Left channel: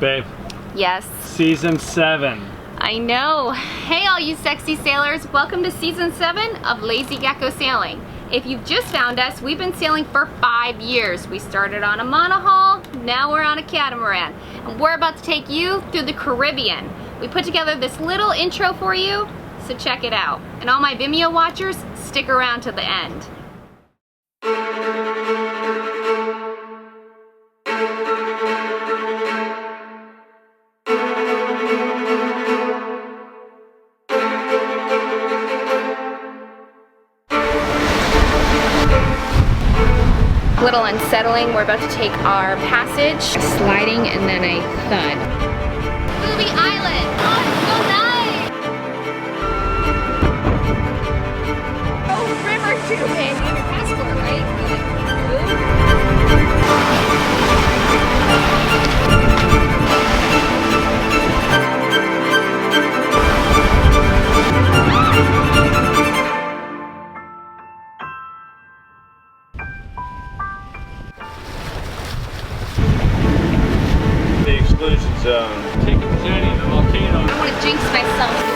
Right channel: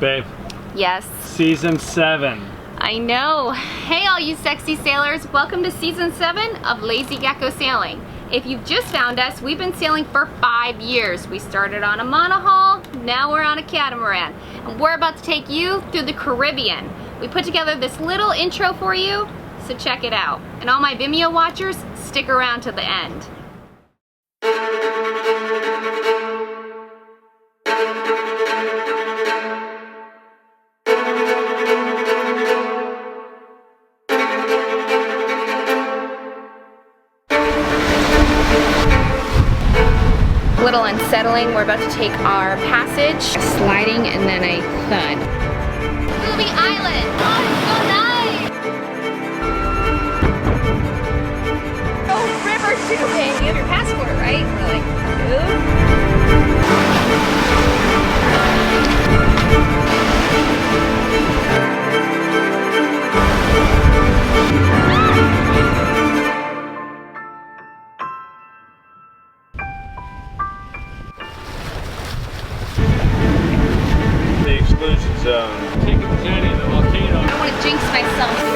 Babe. Yes. Season 7. I know. Hey all you sexy sailors, welcome to season 7 of Lazy Gecko Sailing. If you've just found us, we've been sailing for 5 years. We started on a monohull, now we're on a catamaran. And we're about to take you through the Caribbean. We put together this little intro for you, so check it out. And all my Vimeo watchers, stick around to the end. Little unsettling. We're about to take our passage, sliding and then a thud. Booby Island! Oh, it's so nice! Oh, river tubing! You have your passport, right? We're like, The exclusion zone. Chicken Jenny, the volcano. I don't want to jinx myself.